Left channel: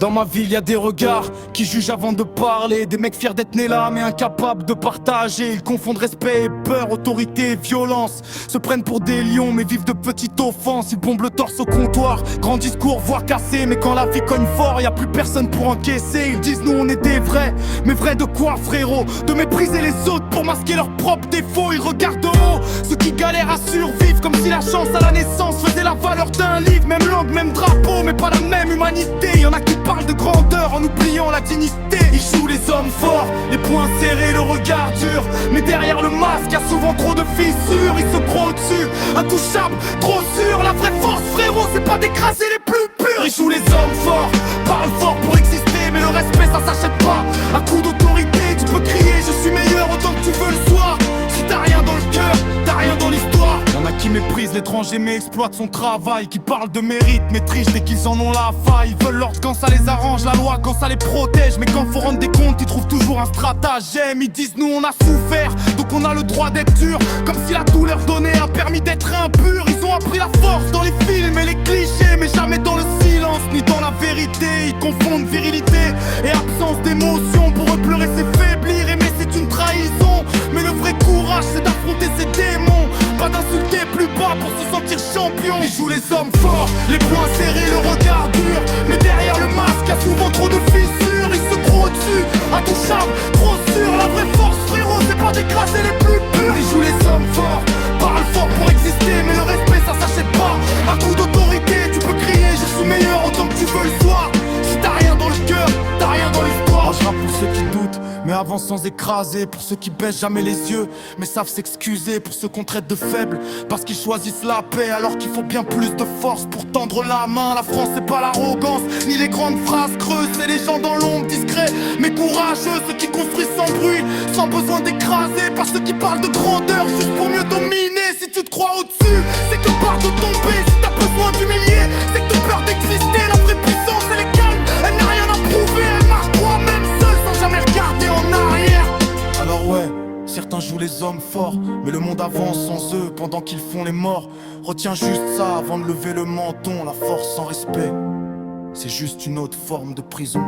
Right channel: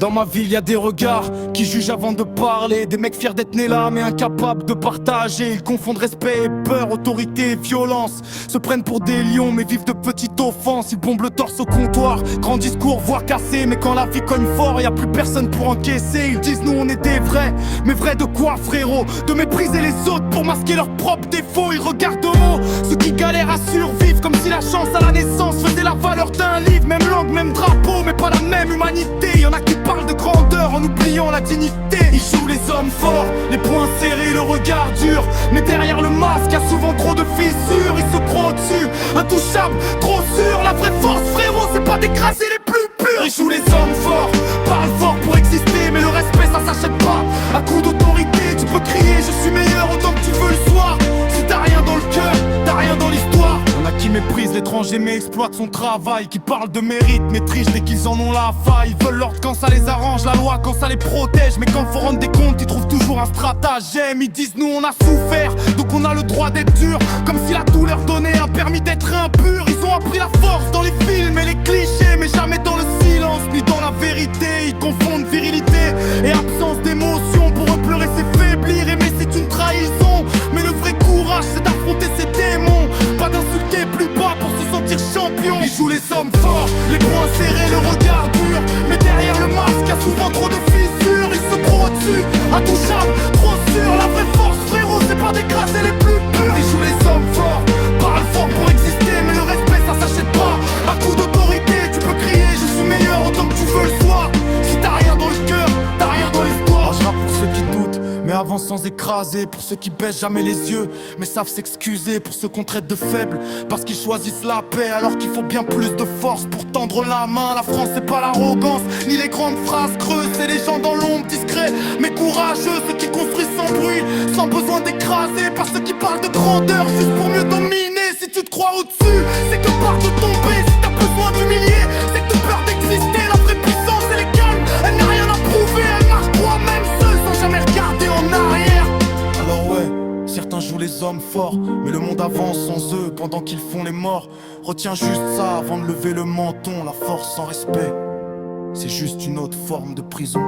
Dans ma ville y'a des regards qui jugent avant de parler. Des mecs fiers d'être nés là mais incapables de partager. Ils confondent respect et peur, autorité et violence. Se prennent pour des lions mais vivent de petites offenses. Ils bombent le torse au comptoir, grand discours, voix cassée. Mais quand la vie cogne fort, y'a plus personne pour encaisser. Ils disent nous on est des vrais, mais vrais de quoi frérot? De mépriser les autres pour masquer leurs propres défauts. Ils regardent de haut ceux qui galèrent à survivre, comme si la chance à la naissance faisait la valeur d'un livre. Même langue, même drapeau, mais pas la même humanité. Y'en a qui parlent de grandeur en oubliant la dignité. Ils jouent les hommes forts, les poings serrés, le regard dur. Mais derrière le masque, y'a souvent trop de fissures. Ils se croient au-dessus, intouchables, trop sûrs. La vraie force frérot, c'est pas d'écraser les plus purs. Ils jouent les hommes forts, parlent fort pour exister. Mais le respect ça s'achète pas à coup d'autorité. Tu peux crier je suis meilleur autant que tu veux le soir. Si t'as rien dans le cœur, t'as rien dans l'histoire. Y'en a qui méprisent l'étranger mais exploitent son travail. Qui parlent de mérite mais trichent dès qu'ils en ont la faille. Ils veulent l'ordre quand ça les arrange, la loi quand ça les protège. Mais quand faut rendre des comptes, ils trouvent toujours un stratagème. Ils disent nous on a souffert, donc on a le droit d'être dur. Comme si la douleur donnait un permis d'être impur. Ils ont appris la force dans les films et les clichés, mais jamais dans le silence ni dans la vérité. Ils confondent virilité et absence d'émotion. Pour eux pleurer c'est faiblir, aimer c'est une trahison. Mais le vrai courage c'est d'affronter ses démons, pas d'insulter plus bas pour se sentir champion. Ils jouent les hommes forts, les poings serrés, le regard dur. Mais derrière le masque y'a souvent trop de fissures. Ils se croient au-dessus, intouchables, trop sûrs. La vraie force frérot c'est pas d'écraser les plus purs. Ils jouent les hommes forts, parlent fort pour exister. Mais le respect ça s'achète pas à coup d'autorité. Tu peux crier je suis meilleur autant que tu veux le soir. Si t'as rien dans le cœur, t'as rien dans l'histoire. Moi je rappe pour ceux qui doutent, mais avance sans écraser. Pour ceux qui baissent jamais les yeux, mais savent s'excuser. Pour ceux qu'on traite de faibles, parce qu'ils choisissent la paix. Alors qu'il faut bien plus de force pour tendre la main. La France c'est pas l'arrogance, ni les grandes phrases creuses. C'est les gens dans l'ombre, discrets, mais courageux. Ceux qui construisent sans bruit, sans besoin d'écraser. Par ceux qui parlent de grandeur, juste pour mieux dominer. Si tu te crois au-dessus, c'est que peur de tomber. Si t'as besoin d'humilier, c'est que t'as peur d'exister. La vraie puissance elle est calme, elle n'a rien à prouver. Elle marche droit même seule sans jamais regarder en arrière. Alors ouais, certains jouent les hommes forts, mais le monde avance sans eux pendant qu'ils font les morts. Retiens juste ça avant de lever le menton. La force sans respect, c'est juste une autre forme de prison.